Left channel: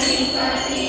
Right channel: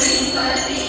assim para sempre.